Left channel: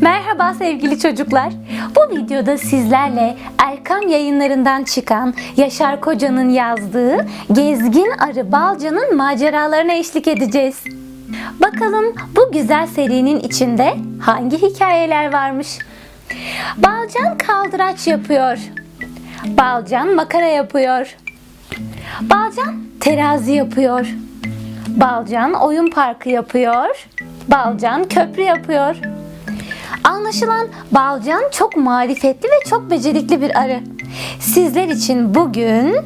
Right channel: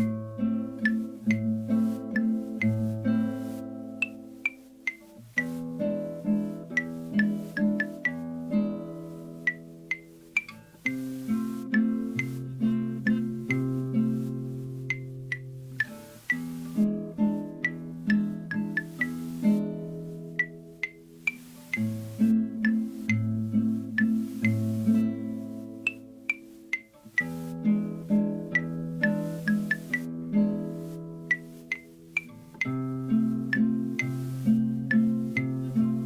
Merhaba sevgili çocuklar. Bu videoda sizlerle Erkam yayınlarından çıkan Yaşar Koca'nın yazdığı Gezgin Arı Balca'nın maceralarına eşlik edeceğiz. Bakalım bu güzel serinin içinde hangi hikayeler varmış? Balcan kaldıraç yapıyor. Balcan makara yapıyor. Balcan terazi yapıyor. Balcan oyun parkı yapıyor. Balcan köprü yapıyor. Anlaşılan Balcan çok marifetli ve çok becerikli bir arı. Sizler için bugün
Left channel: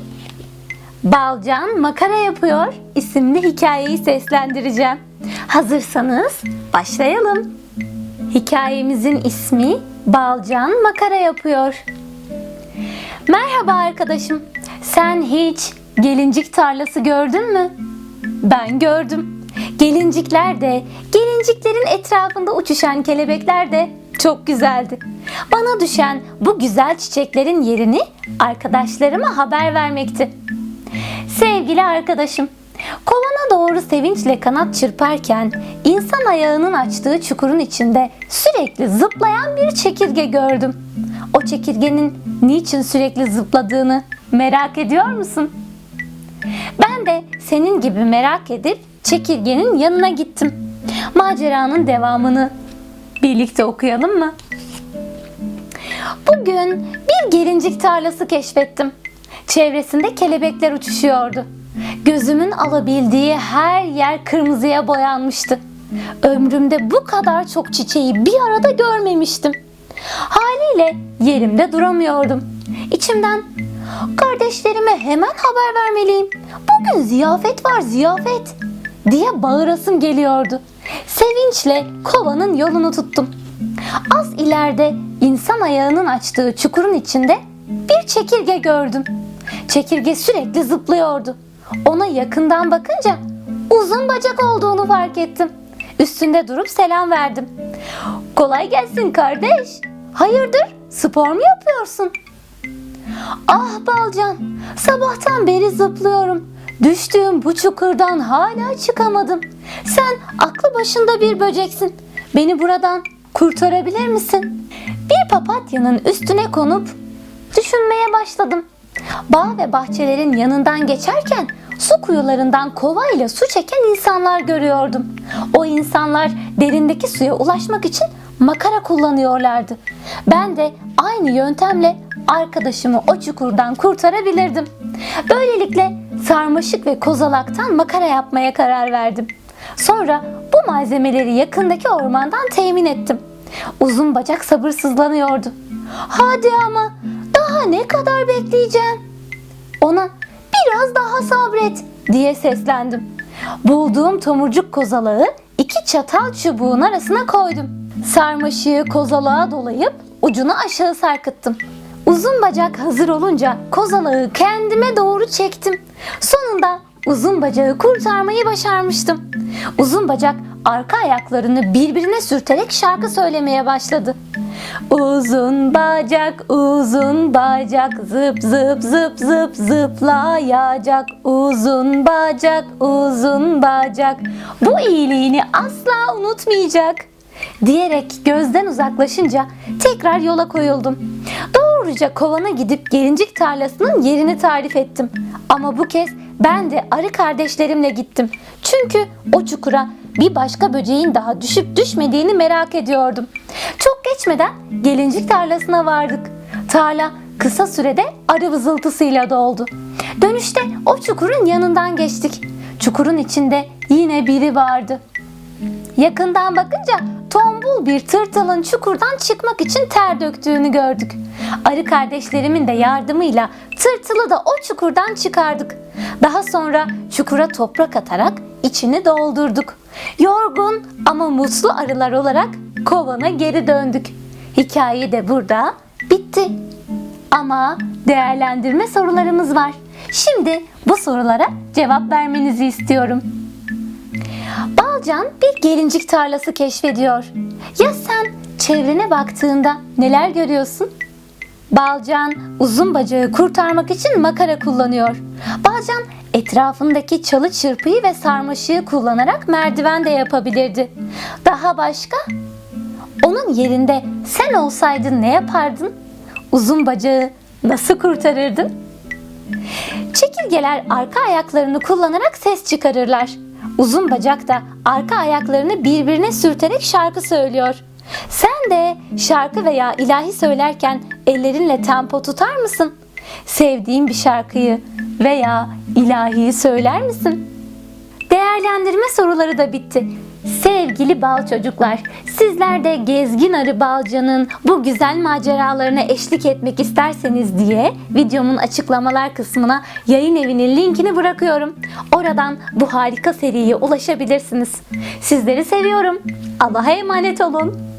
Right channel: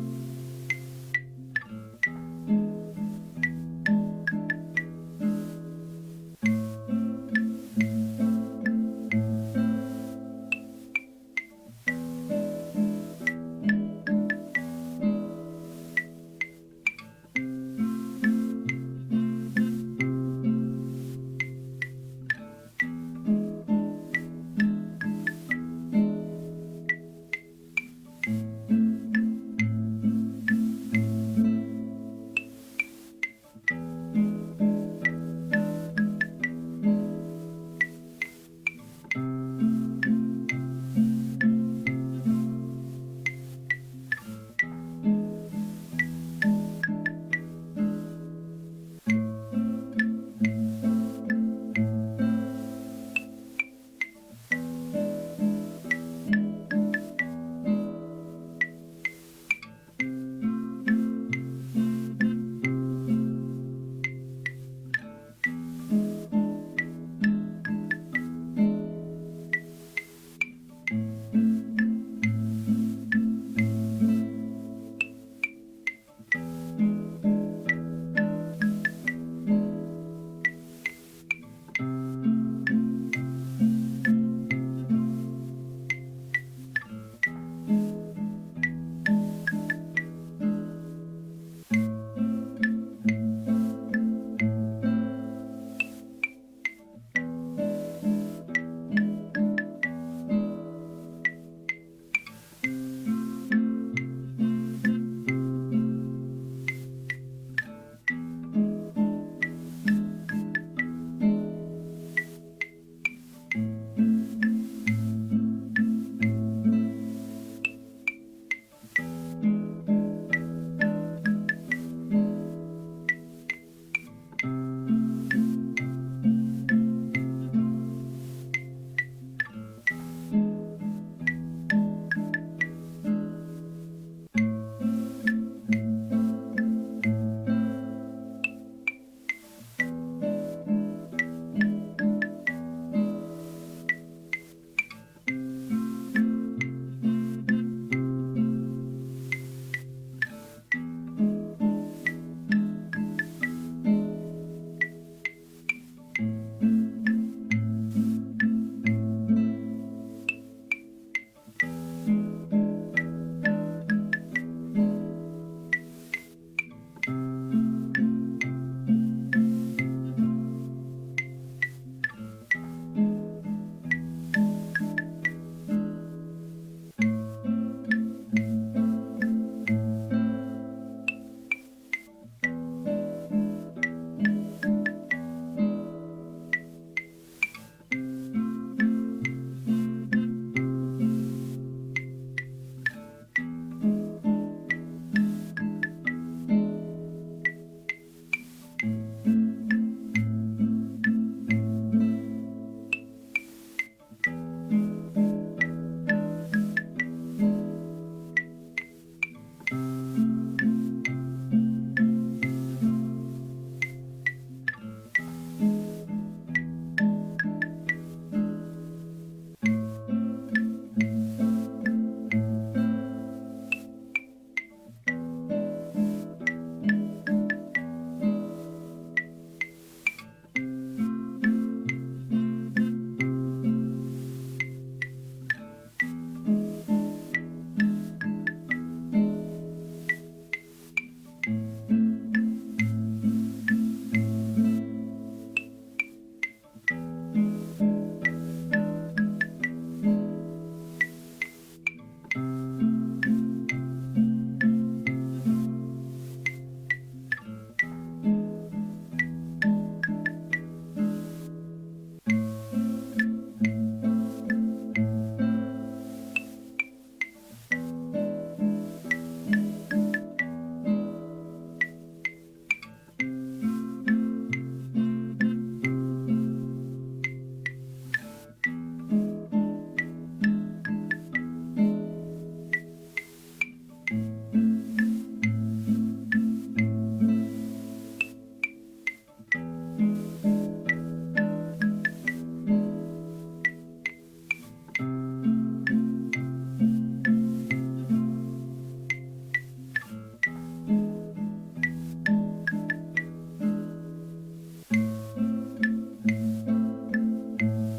Balcan makara yapıyor isimli hikayeyi seslendireceğim. Hazırsanız başlayalım. Hikayemizin ismi Balcan makara yapıyor. Merhaba arkadaşım. Sen hiç gelincik tarlası gördün mü? Ben gördüm. Gelincikler de, gelinciklerin etrafında uçuşan kelebekler de çok güzeldi. Bana düşen bu güzel çiçeklerin yerini arkadaşlarıma haber vermekti. Sevgili arkadaşım, kovana doğru sevinçle kanat çırparken insan ayağının açtığı çukurun içinde sürekli zıplayan bir çekirge gördüm. O çekirgenin niçin sürekli zıpladığını merak ediyor musun? Ben de senin gibi merak edip çekirgenin yanına gittim. Maceranın devamını birlikte okuyalım mı? Bugün bir gelincik tarlası keşfettim. Çevresinde kelebekler uçuşuyordu. Gözümün alabildiği her yer kırmızıya boyanmıştı. Ömrümde bu kadar çok çiçeği bir arada görmemiştim. Haliyle yerimde duramıyordum. İçimden kardeşlerime hemen haber vermeliyim. Bugün ziyafet var ziyafet diye bağırasım geliyordu. Sevinçle kovanın yolunu tuttum. Az ileride insan ayağının açtığı çukurun içinde bir çekirge gördüm. Çekirge sürekli zıplıyordu. Ona yakından bakınca uzun bacak olduğunu fark ettim. Üstünde durup selam verdim. Kolay gelsin kardeş. Hayırdır? Spor mu yapıyorsun? Ah Balcan, sabahtan beri zıplıyorum. Düştüğüm bu çukurdan hala çıkamadım. Sen aklı başında bir böceksin. Beni buradan kurtarabilir misin? Bir papatyanın üstüne konup düşünmeye başladım. Bağ ve bahçelerin yanından geçerken su kuyularından kovayla su çeken insanlar görüyordum. O insanlar derindeki suya ulaşmak için makara kullanıyorlardı. Ben de aynı yöntemle arkadaşımı o çukurdan kurtarabilirdim. Böylelikle sarmaşık ve kozalaktan makara yapmaya karar verdim. Sonra bu malzemeleri yakındaki ormandan temin ettim. Uzun bacak sabırsızlanıyordu. Hadi ama daha ne kadar bekleyeceğim? Ona biraz daha sabret diye seslendim. Bulduğum tomurcuk kozalağı iki çatal çubuğun arasına koydum. Sarmaşığı kozalağa dolayıp ucunu aşağı sarkıttım. Uzun bacak hazır olunca kozalağı kendime doğru çektim. Sonunda uzun bacağı kurtarmayı başarmıştım. Uzun bacak arka ayaklarını birbirine sürterek şarkı söylemeye başladı. Uzun bacak, uzun bacak, zıp zıp zıp zıp zıplayacak. Uzun bacak, uzun bacak, bu iyiliğini asla unutmayacak. Diyerek gözden uzaklaşınca tekrar yola koyuldum. Doğruca kovana gidip gelincik tarlasının yerini tarif ettim. Ama bu kez ben de arı kardeşlerimle gittim. Çünkü o çukura bir başka böceğin daha düşüp düşmediğini merak ediyordum. Çok geçmeden gelincik tarlasına vardık. Tarla kısa sürede arı vızıltısıyla doldu. Dönüşte o çukurun yanından geçtik. Çukurun içinde yine biri vardı. Yakından bakınca tombul bir tırtılın çukurdan çıkmak için ter döktüğünü gördük. Arı kardeşlerimin de yardımıyla tırtılı da o çukurdan çıkardık. Daha sonra çukura toprak atarak içini doldurduk. Yorgun ama mutlu arılar olarak kovana geri döndük. Hikaye de burada bitti. Ama değerlendirme sorularımız var. Şimdi bu sorulara cevap vermenizi istiyorum. Balcan bir gelincik tarlası keşfediyor. Ya sen çevrene baktığında neler görüyorsun? Balcan uzun bacağı kurtarmak için makara kullanıyor. Balcan etrafındaki çalı çırpıyı ve sarmaşığı kullanarak merdiven de yapabilirdi. Daha başka? Onun yerinde sen olsaydın ne yapardın? Uzun bacağı nasıl kurtarırdın? Çekirgeler arka ayaklarını kullanarak ses çıkarırlar. Uzun bacak da arka ayaklarını birbirine sürterek şarkı söylüyor. Sen de şarkı veya ilahi söylerken ellerinle tempo tutar mısın? Sevdiğin bir şarkıyı veya ilahiyi söyler misin? Soruları da bitti. Sevgili bal çocuklar, sizler de Gezgin Arı Balca'nın bu güzel maceralarına eşlik etmek isterseniz diye videomun açıklamalar kısmına yayın evinin linkini bırakıyorum. Oradan bu harika seriye ulaşabilirsiniz. Sizleri seviyorum. Allah'a emanet olun.